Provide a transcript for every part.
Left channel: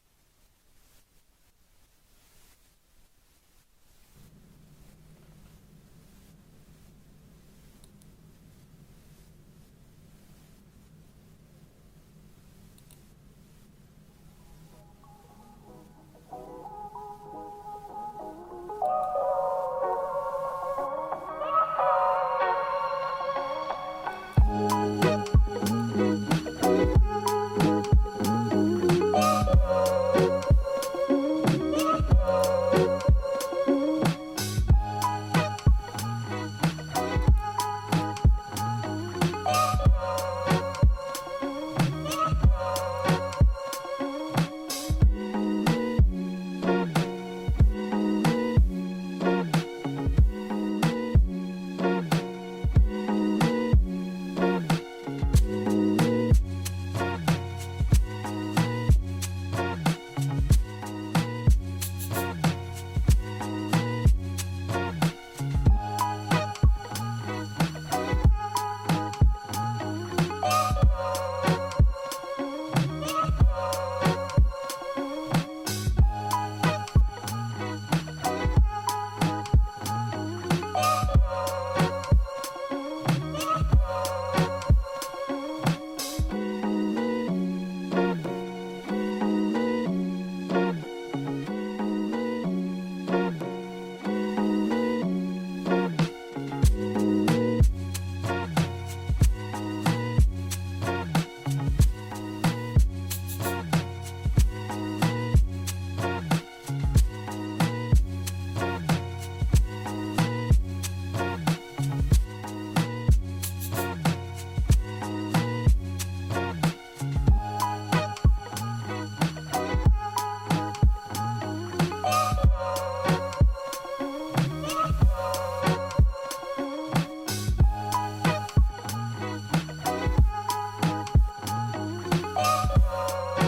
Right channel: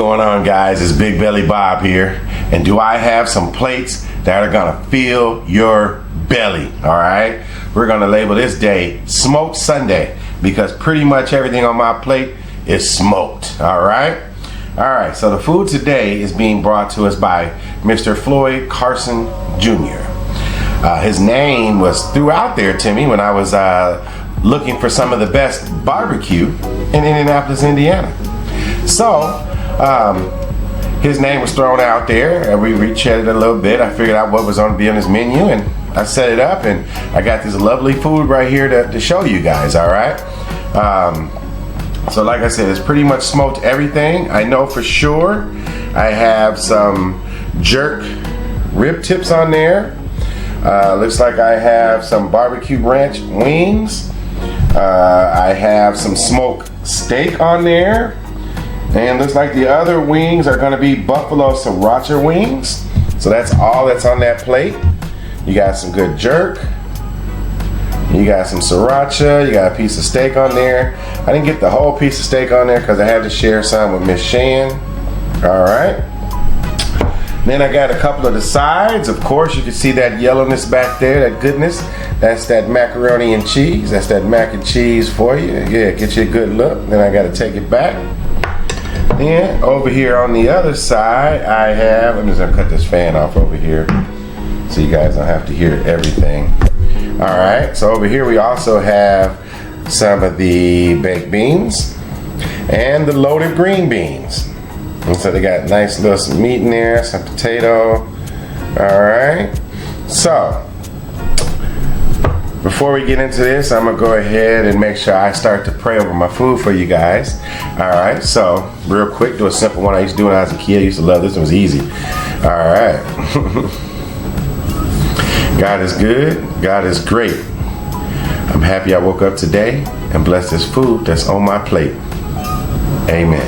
going on, guys? It's Big Belly Bob here, and do I have some plates that are gonna fill your belly? All right, we're gonna label this day Smoked Sunday because pretty much everything on my plate is smoked. All right, so the food today is being brought to us by Mr. Floyde Carson Jr. His name was threw out there to me when I was looking for some of the best barbecue in Indianapolis, Indiana. So his name was thrown out there, and we chatted a little bit. I figured out what was going to be on his menu, and I set it up, and I got this lovely food right here to show you guys. All right. So like I said, it's pretty much smoked everything. I know for sure I have some jerk rib tips on there. Looks like I have some barbecue ranch wings. I have some smoked steak on there. And looks like the other wings are gonna be buffalo sriracha wings. So that's all that's on that plate. You got some good jerk. You got some sriracha. You got a piece of steak on there. I didn't get the whole piece of steak on there because I had to share some with Miss Shan. All right. Then I got a couple of the sides. Of course, you can see that yellowness back there, that goodness. That's that macaroni and cheese. That's that mac and cheese for you. Yeah, get you a good look. Then I got to take it back. Then over here on the other side, I have, I'm just gonna cut this fan off over here so you guys don't have to hear everything. All right, so over here we also have some of the baked beans and the loaded green beans. And so they got nice little meat in there, some potato. All right, so before we get into this, I'm gonna go ahead and make sure I start to pray over my food for you guys. All right, so real quick, do a simple one I used to do when I was a kid. I used to love this, it was easy. All right. God is good, God is great. I'm happy I woke up today and blessed this food that's on my plate. Amen.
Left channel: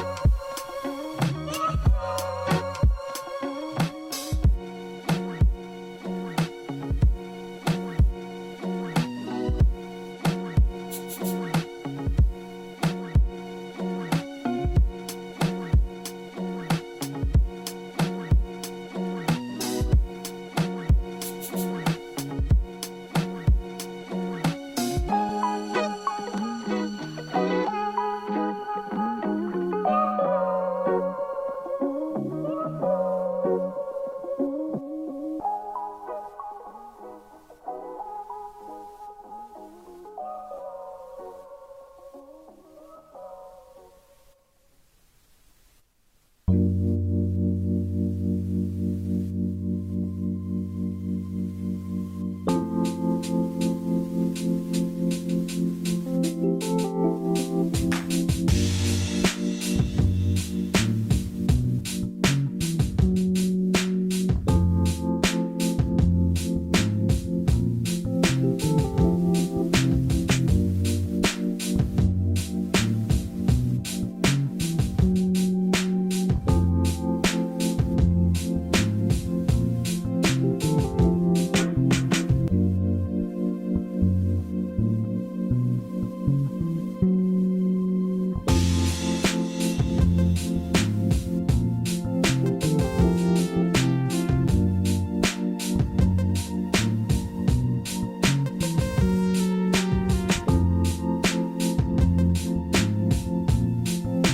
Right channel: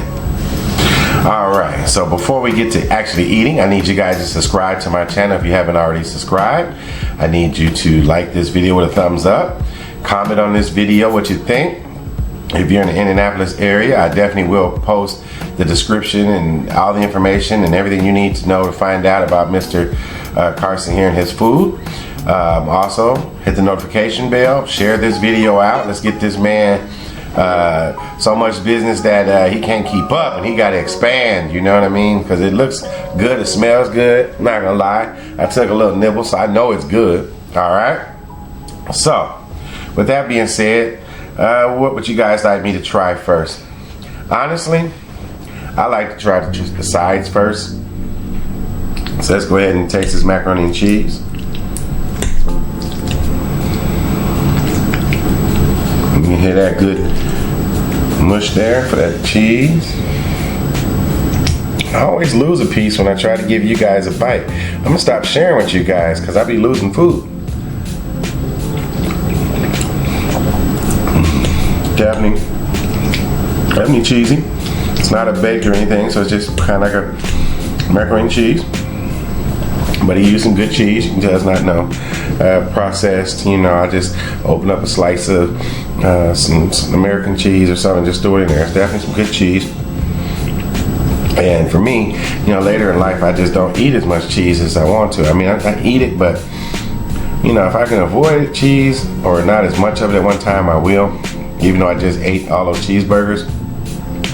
All right, so before we get to actually eating, I need you guys to subscribe to my channel if you haven't already subscribed. I need you to like this video with a thumbs up, comment on this video what you think. If you're in the Indianapolis area, I definitely will post the description and all the information and everything you need to know to find out about Mr. Carson here and his food. Also, hit the notification bell, share this video out. Let's get this man so much business that he can't keep up and he got to expand, you know what I mean? Because it looks good, it smells good, I'm not gonna lie. I took a little nibble, so I know it's good. All right, so with that being said, what would you guys like me to try first? Honestly, I like to try the sides first. So let's go ahead and taste this macaroni and cheese. You can hear that good mush there for that cheese. I always lose a piece when I try to give you guys a bite. I'm gonna stop sharing with you guys because I be losing food. Definitely cheesy. It's not a baked or anything, so it's just kind of like a macaroni and cheese. But he used some good cheese. You can tell it's not processed. You know, I just open up a slice of some American cheese or something, just throw it in there. It's definitely some good cheese. And for me, you know, later in life, I just don't eat as much cheese as I want to. I mean, I eat it, but you know, if I can avoid cheese or not as much of it at one time, I will. Even though I just ate all those cheeseburgers,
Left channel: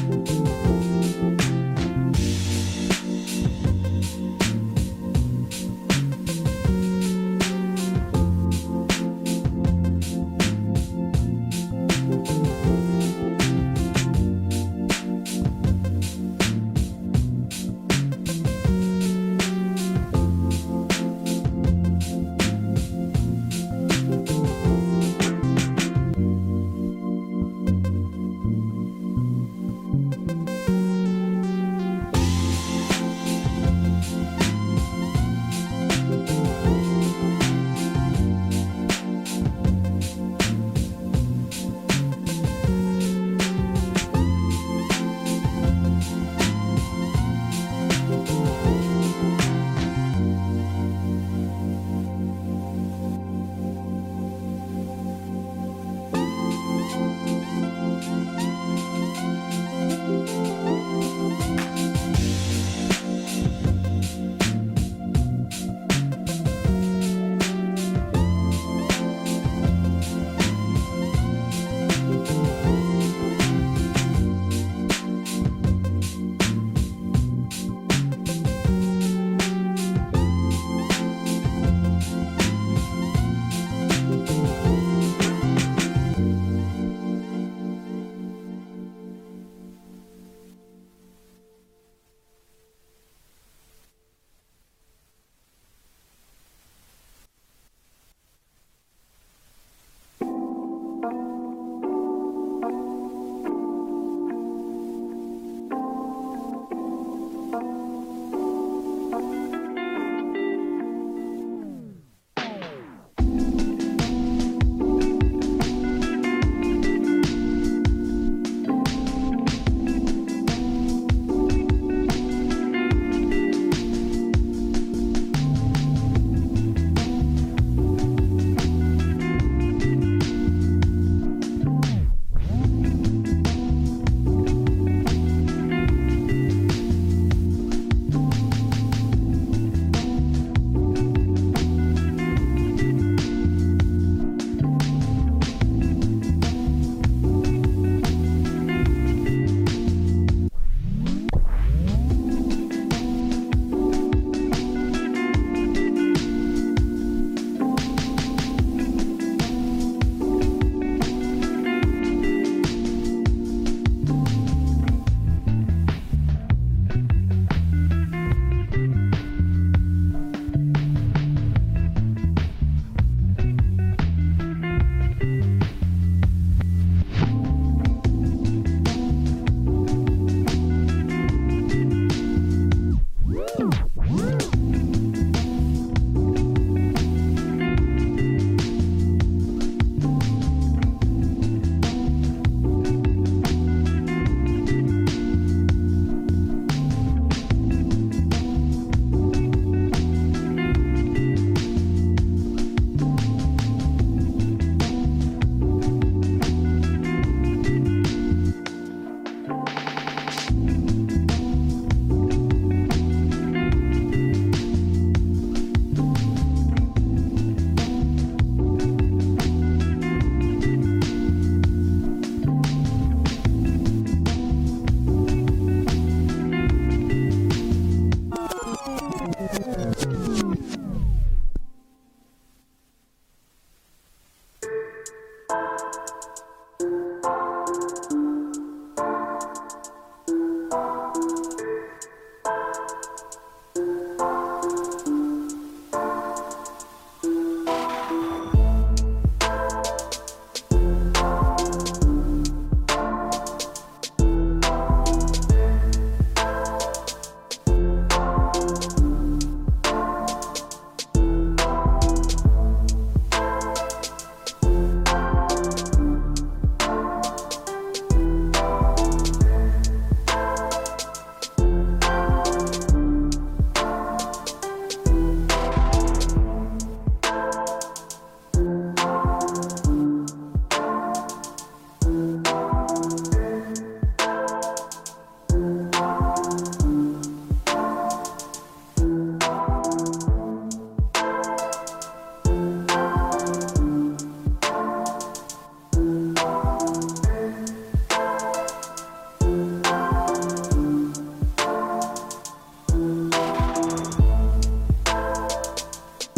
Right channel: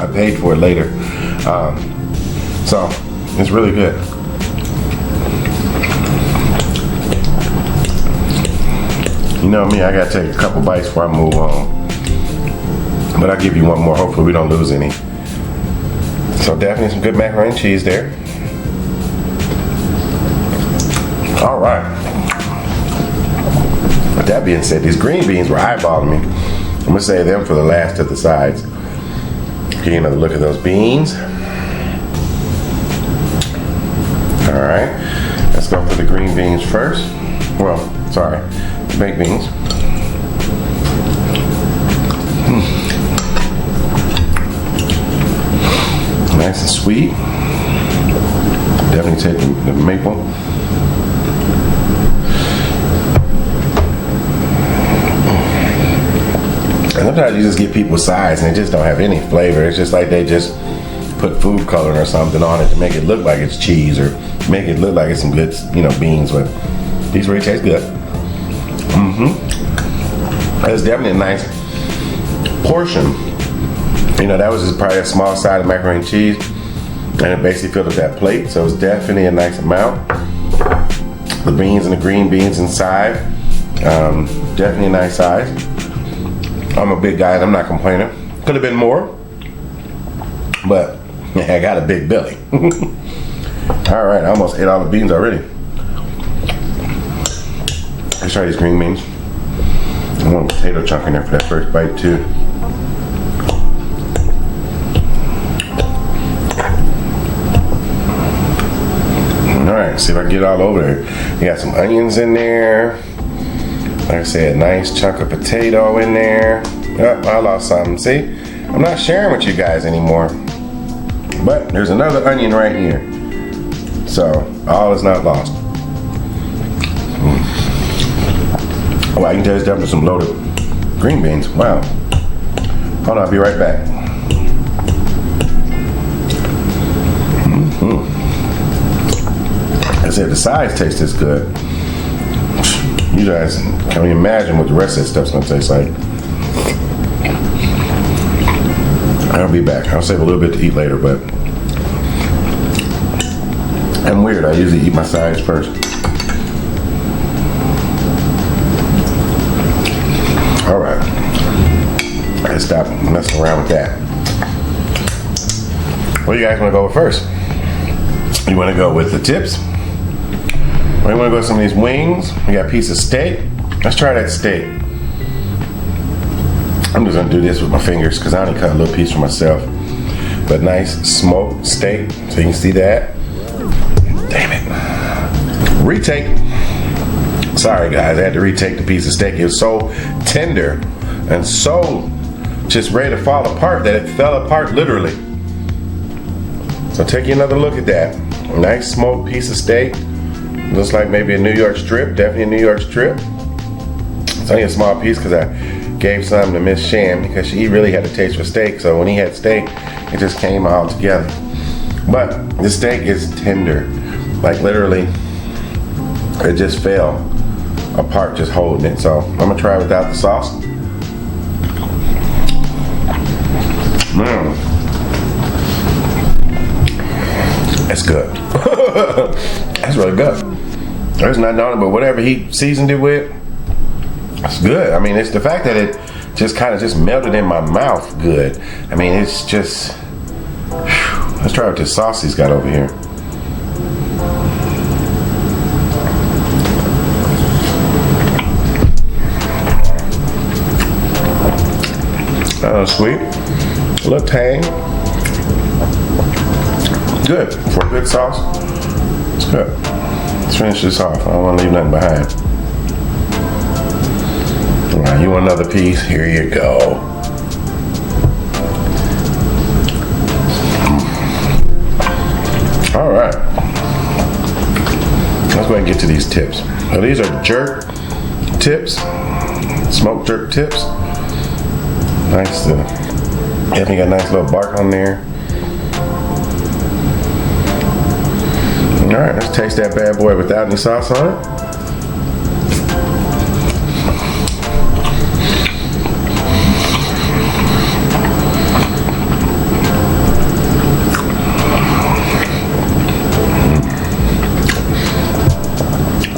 I paid for it later. So it's really good. You know me, I gotta take a couple bites before I move on. But I'll give you one more, hopefully we don't lose any. So definitely some good macaroni and cheese there. All right. With that being said, these green beans were eyeballing me. I'm gonna save them for the last of the sides. Get another look at those beans. All right, let's go for the green beans first. Well, sorry, baked beans. Nice and sweet. Definitely take the maple. And sometimes you just get people sides and they just don't have any flavor. It's just like they just put food coloring or something on it to make it look like it's cheese or make it look like it's some good, beans. But these really taste good. It's definitely a nice portion. That was just probably a small side of macaroni and cheese, and it basically filled up that plate. So it's definitely a nice amount. The beans and the green beans inside, definitely a nice size. I'm a big guy and I'm not complaining. Could have been more, but I got a big belly. All right, I almost ate all the beans already. Let's try these green beans. I want a potato chunk in there for that first bite too. All right, see if I can get it all over there. You got some onions in there. Like I said, nice chunk of potato in there. Yep, I lost something. See, I'm not sharing with you guys anymore. But there's another onion right here. So all is not lost. Oh, I can tell it's definitely some loaded green beans. Wow. Hold on, I'll be right back. I said the size tastes this good. You guys can't even imagine what the rest of that stuff's gonna taste like. I'll be back. I'll save a little bit to eat later, but I'm weird. I usually eat my sides first. All right. Let's stop messing around with that. What do you guys want to go with first? You want to go with the tips? Or you want to go with some of these wings? We got a piece of steak. Let's try that steak. I'm just gonna do this with my fingers because I only cut a little piece for myself. But nice smoked steak, so you can see that. Damn it. Retake. Sorry guys, I had to retake the piece of steak. It was so tender and so just ready to fall apart that it fell apart literally. So take you another look at that. Nice smoked piece of steak. Looks like maybe a New York strip, definitely a New York strip. It's only a small piece because I gave some to Miss Shan because she really had a taste for steak. So when he had steak, it just came all together. But the steak is tender. Like literally, it just fell apart just holding it. So I'm gonna try it without the sauce. That's good. That's really good. There's nothing on it, but whatever he seasoned it with, it's good. I mean, it's the fact that it just kind of just melted in my mouth good. I mean, it's just, let's try what this sauce he's got over here. Sweet, a little tang. Good for a good sauce. It's good. Let's finish this off. I don't want to leave nothing behind. All right, you want another piece? Here you go. All right. Let's go ahead and get to these tips. Now these are jerk tips, smoked jerk tips. Nice. Definitely got a nice little bark on there. All right, let's taste that bad boy without any sauce on it.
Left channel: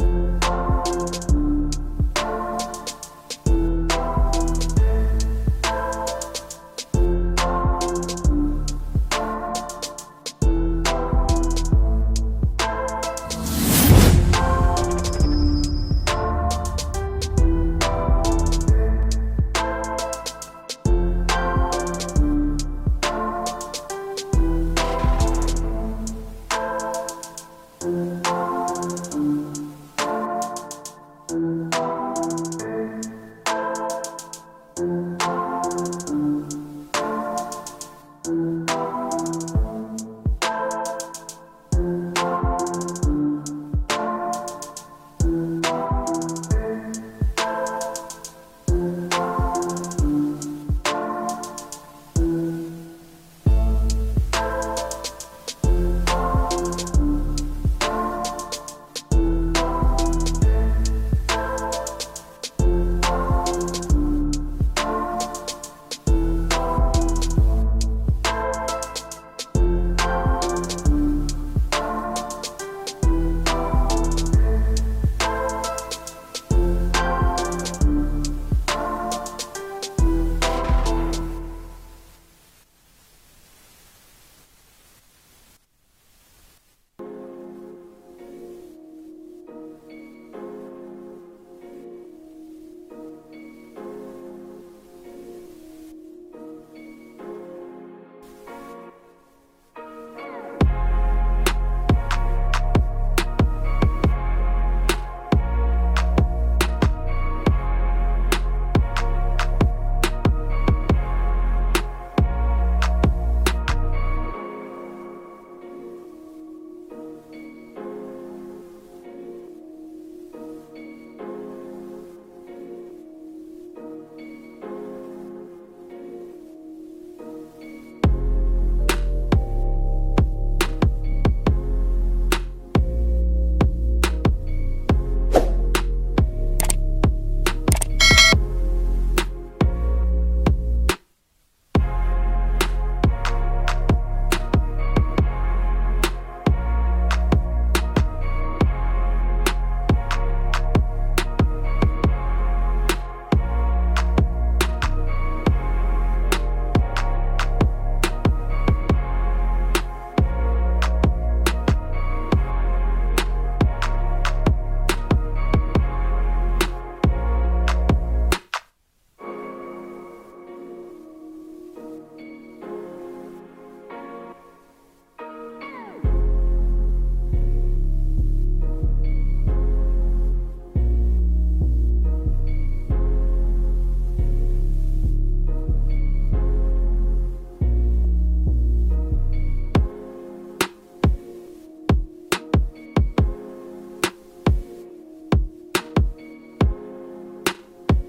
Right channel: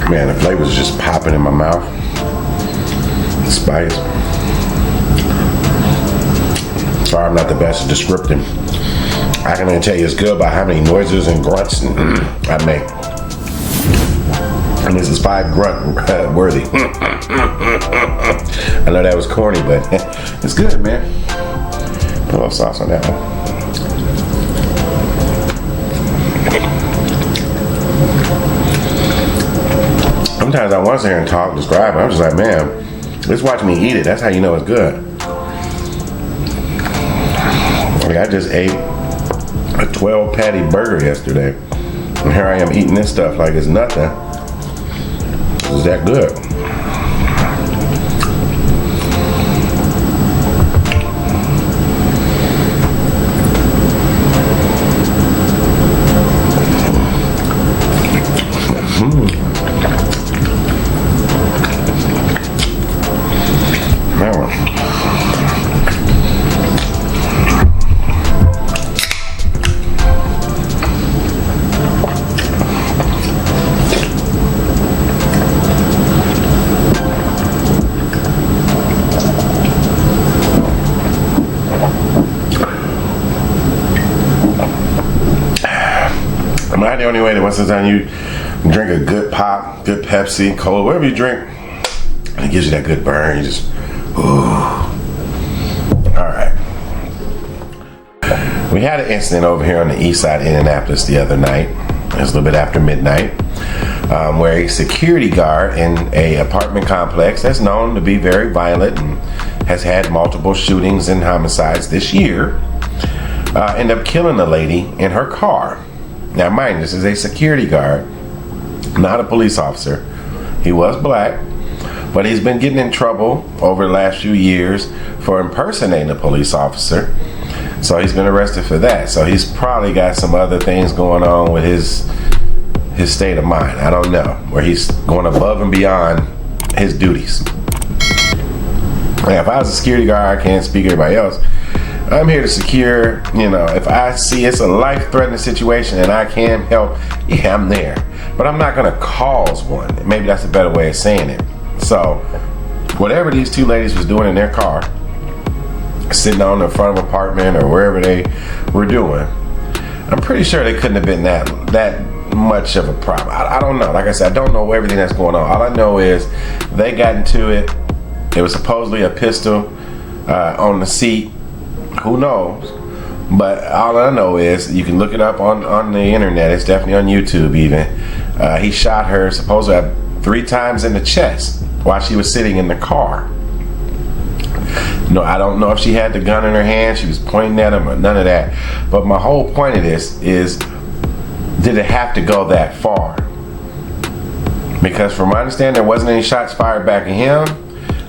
Man, the flavors are just popping in my mouth. The spice. Sorry, I'm not the best at descripting. I can even tell you it's good by how many noises and grunts I make. And this is 5 grunt worthy. I know that was corny, but it's good, man. Put a little sauce on that one. Sometimes I want to sit here and talk, describe it. I'm just like, man, just watch me eat it. That's how you know it's good. Like I just ate a 12 patty burger yesterday. And here I am eating this stuff like it's nothing. It's that good. anyway, that once it's done, you drink a good pop, good Pepsi, Cola, whatever you drink, and it gives you that good burn. You just, ooh. All right. We had an incident over here on the east side of Indianapolis the other night. It was a little bit after midnight, where a security guard in a apartment complex that's known to be very violent and has had multiple shootings and homicides this year, ended up killing a lady in her car. Now, mind you, this is a security guard, not a police officer. He was black, but he's been getting in trouble over the last few years for impersonating a police officer. So he's been arrested for that. So he's probably got some other things going on with his state of mind. I don't know, where he's going above and beyond his duties. Now, if I was a security guard, I can't speak to everybody else. I'm here to secure, if I see it's a life-threatening situation and I can help, yeah, I'm there. But I'm not gonna cause one. Maybe that's a better way of saying it. So, whatever these two ladies was doing in their car, sitting on the front of an apartment or wherever they were doing, I'm pretty sure they couldn't have been that much of a problem. I don't know. Like I said, I don't know everything that's going on. All I know is they got into it. It was supposedly a pistol on the seat. Who knows? But all I know is, you can look it up on the internet. It's definitely on YouTube even. He shot her supposedly 3 times in the chest while she was sitting in the car. No, I don't know if she had the gun in her hand, she was pointing at him, or none of that. But my whole point of this is, did it have to go that far? Because from my understanding, there wasn't any shots fired back at him.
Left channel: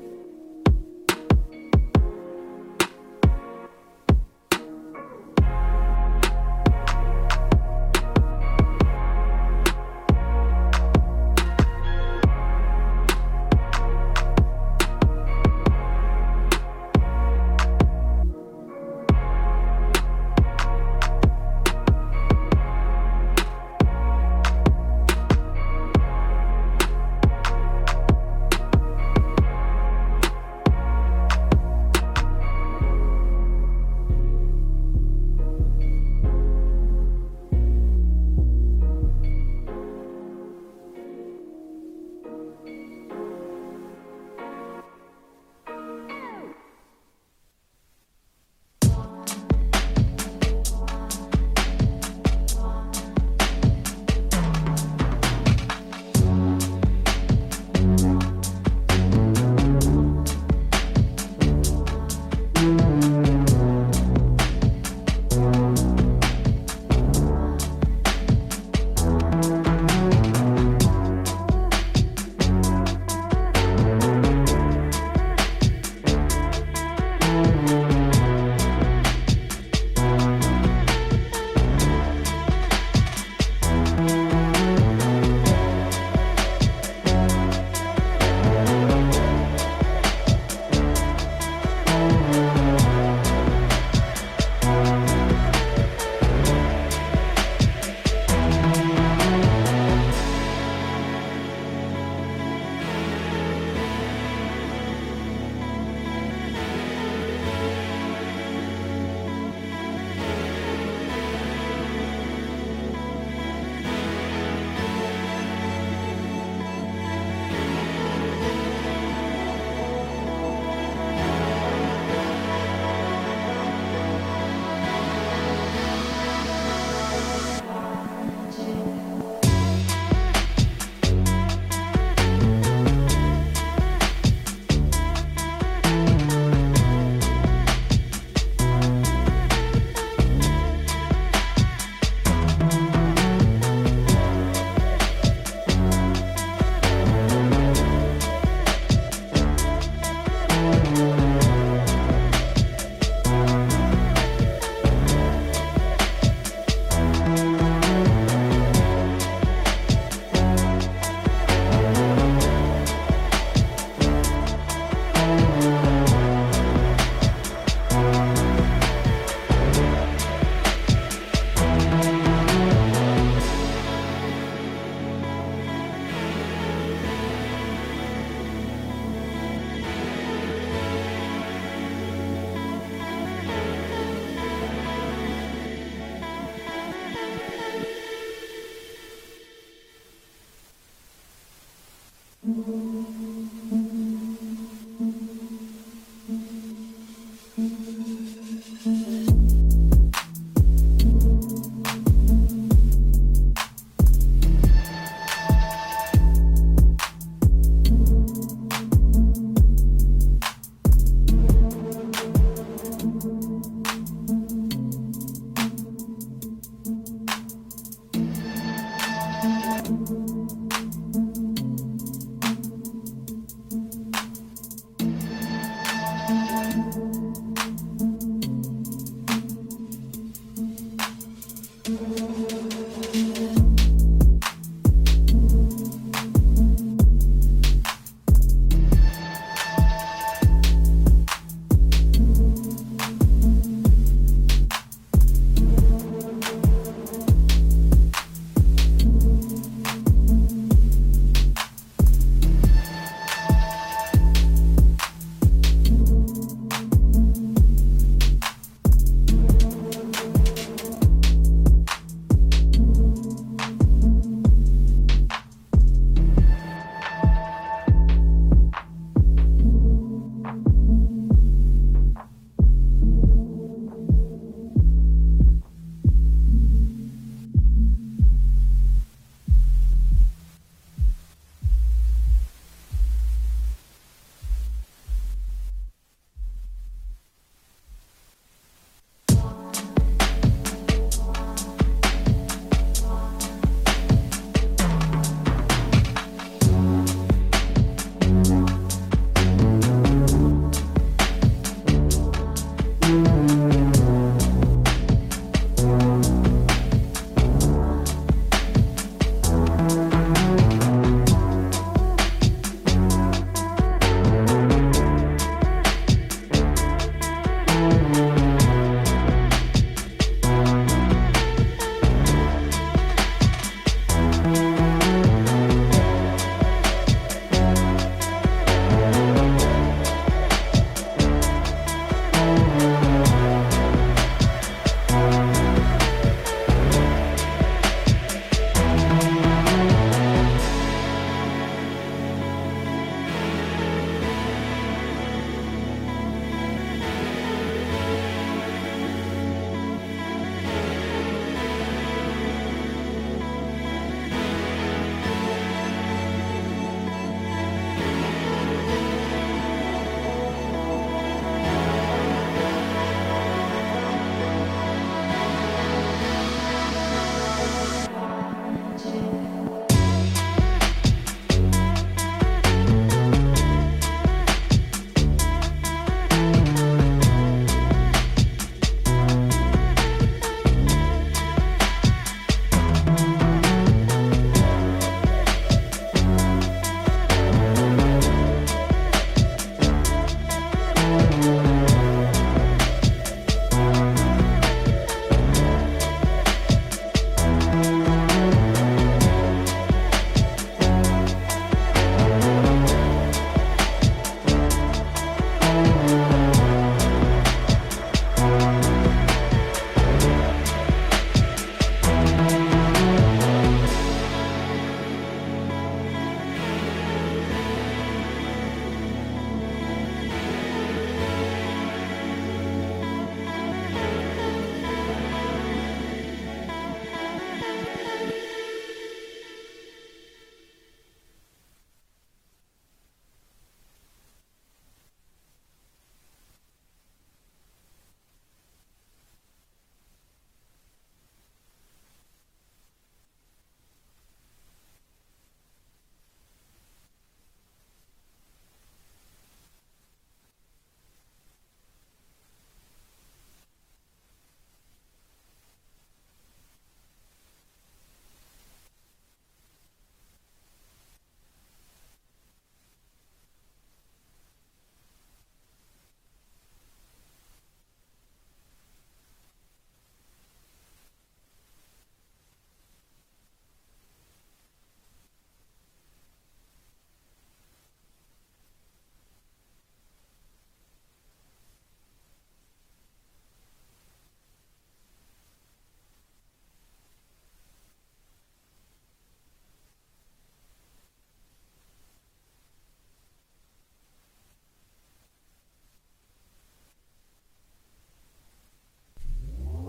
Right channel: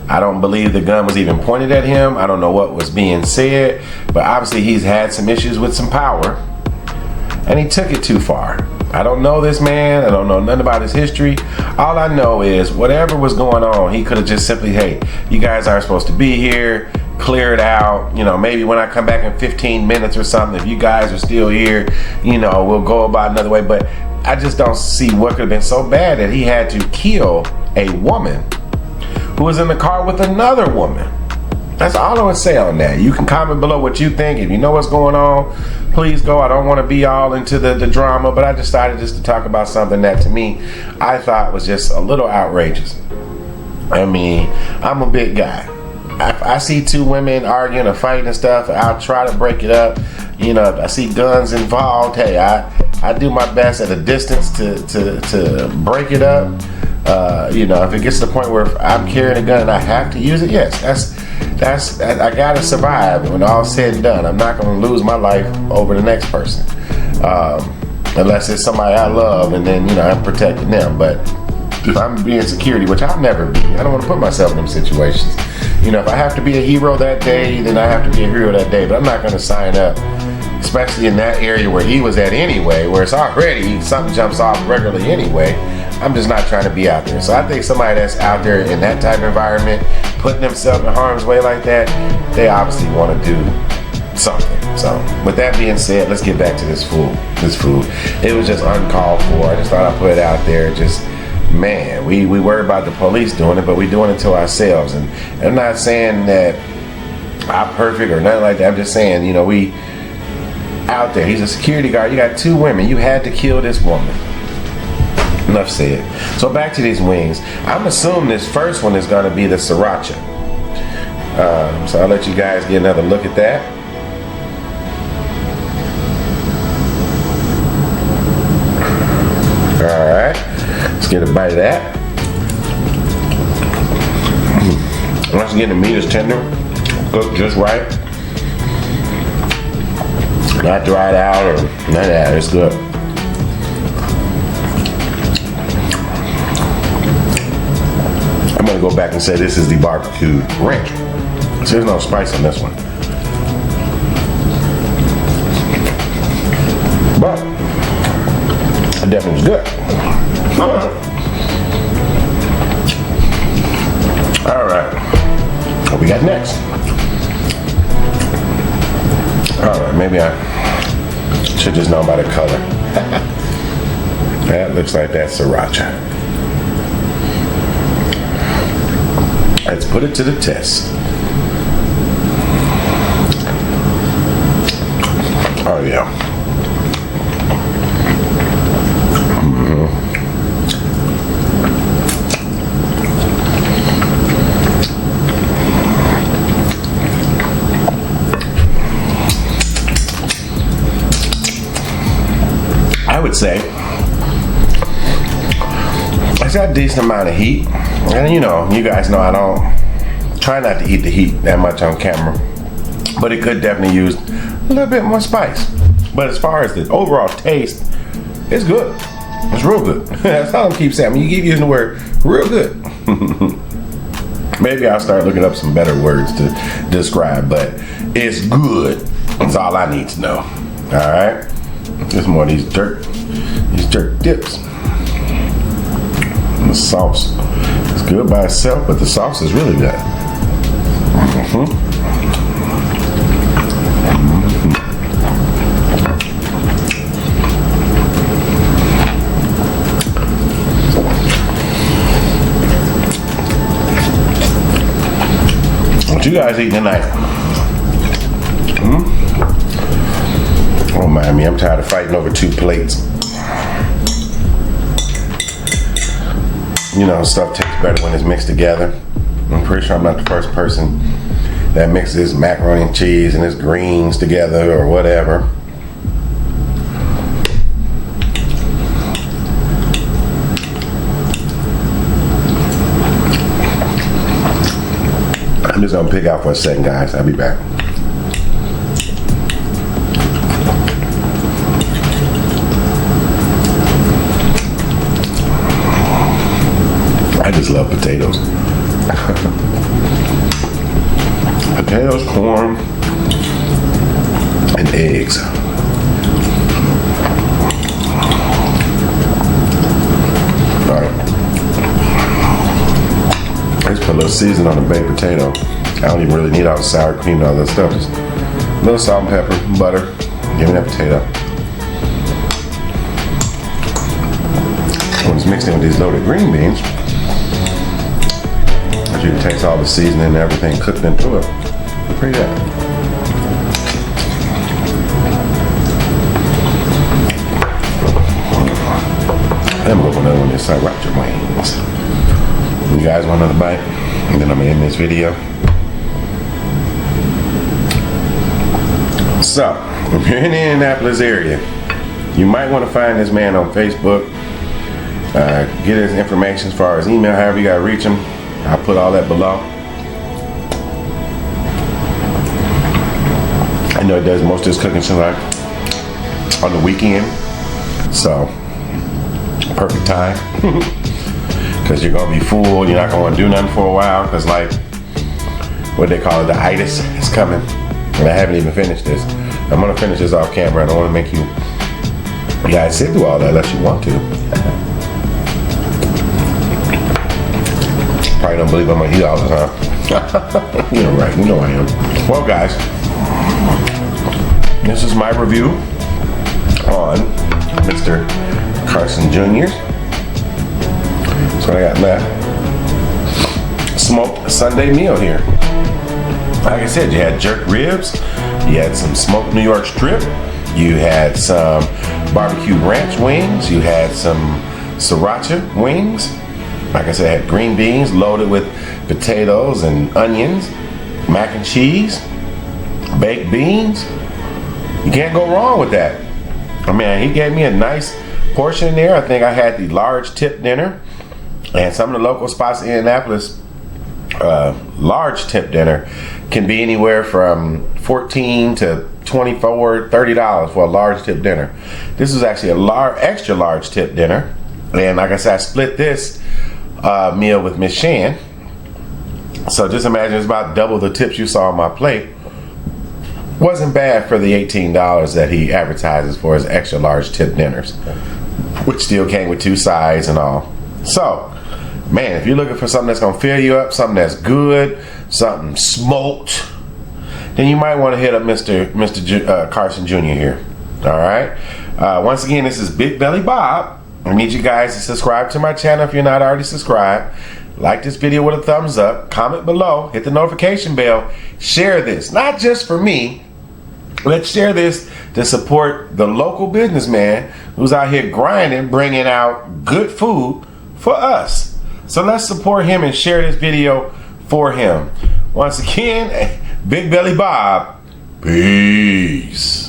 I don't believe the gun was even pointed at him. I don't know what was being said, but obviously he's had some issues with some power, and he took it too far. I don't know this man. I don't know nothing about his history. All I know is, whatever was going on, he could have just simply, hey, you guys aren't supposed to be here, clear it out. Maybe when I come back in 15 minutes or something, if you guys are still here, we'll go about another way. But I just don't see what could have been so bad that he had to kill a woman who was in the car with another woman. That's all I would say on that. You can comment below what you think. If you know what's going on, please go. I don't want to be all into the drama, but I decided just to talk about something that, to me, I thought was just a little outrageous. I mean, I'm a big guy. I see 2 women arguing or fighting and stuff, I'll try to break it up. If I see guns involved, hey, I do my best at a distance to break it up. If it gets to the point where I'm carrying a gun and I have to use it, yes, I gotta survive when all's said and done. I'm not gonna lose my life over the next person, unless it's somebody I love, and then I'm protecting them. But if I'm being security, which I'll never be, I don't want to put myself in them situations. If I have to be a hero that day, then I have to be a hero that day. But I'm not gonna sign up, especially in that area where he was at anyway, where it's already something jumps off regularly anyway. I'm just not trying to be out there. So I think somebody that's out there in that type of environment, putting themselves in harm's way like that, they obviously want to do something. So with that being said, let's get back to this food. It was just uncalled for. I just thought I'd put it out there. Just, man, we worry about the police doing it, but we doing it to ourselves. And I'm not saying that I'm perfect or nothing like that. I'm just saying, we out there. He's a security guard. You got 2 women. You had to kill this woman. Enough said. So back to these wings. I'm assuming this first one is going to be the sriracha. So I'll let you guys get another look at that. Alright. Let's get a bite of that. Once again, the meat is tender. Cooked just right. Not dried out or none of that. It's good. I'm gonna go back and say this is the barbecue ranch. So there's no spice in this one. But it definitely was good. Alright. What we got next? Alright, maybe I should just know by the color. That looks like that's sriracha. Let's put it to the test. Oh yeah. amount of heat. And you know, you guys know I don't try not to eat the heat that much on camera, but it could definitely use a little bit more spice. But as far as the overall taste, it's good. It's real good. That's all I keep saying. When you keep using the word real good. Maybe I'll start looking up some better words to describe, but it's good. That's all I need to know. All right. Just more of these jerk tips. And the sauce is good by itself, but the sauce is really good. What you guys eating tonight? Don't mind me, I'm tired of fighting over 2 plates. You know, stuff tastes better when it's mixed together. I'm pretty sure I'm not the first person that mixes macaroni and cheese and its greens together or whatever. I'm just gonna pick out for a second, guys. I'll be back. I just love potatoes. Potatoes, corn, and eggs. Let's put a little seasoning on the baked potato. I don't even really need all the sour cream and all that stuff. Just a little salt and pepper, butter, give me that potato. When it's mixed in with these loaded green beans, it takes all the seasoning and everything, cooks into it. Pretty good. Then moving on with this sriracha wings. You guys want another bite? And then I'm gonna end this video. So, if you're in the Indianapolis area, you might want to find this man on Facebook. Get his information as far as email, however you gotta reach him. I'll put all that below. I know he does most of his cooking tonight on the weekend, so perfect time. Because you're gonna be full, you're not gonna do nothing for a while, because like what they call it, the itis is coming. And I haven't even finished this. I'm gonna finish this off camera. I don't wanna make you guys sit through all that unless you want to. Probably don't believe I'm gonna eat all the time. You know, right, you know I am. Well guys, this is my review on Mr. Carson Jr. So I got my smoked Sunday meal here. Like I said, you had jerk ribs, you had some smoked New York strip, you had some barbecue ranch wings, you had some sriracha wings. Like I said, I had green beans loaded with potatoes and onions, mac and cheese, baked beans. You can't go wrong with that. I mean, he gave me a nice portion there. I think I had the large tip dinner, and some of the local spots in Indianapolis, large tip dinner can be anywhere from $14 to $24, $30 for a large tip dinner. This is actually a extra large tip dinner, and like I said, I split this meal with Miss Shan. So just imagine it's about double the tips you saw on my plate. Wasn't bad for the $18 that he advertises for his extra large tip dinners, which still came with 2 sides and all. So, man, if you're looking for something that's gonna fill you up, something that's good, something smoked, then you might want to hit up Mr. Carson Jr. here. All right. Once again, this is Big Belly Bob. I need you guys to subscribe to my channel if you're not already subscribed. Like this video with a thumbs up. Comment below. Hit the notification bell. Share this, not just for me. Let's share this to support the local businessman who's out here grinding, bringing out good food for us. So let's support him and share this video for him. Once again, Big Belly Bob, peace.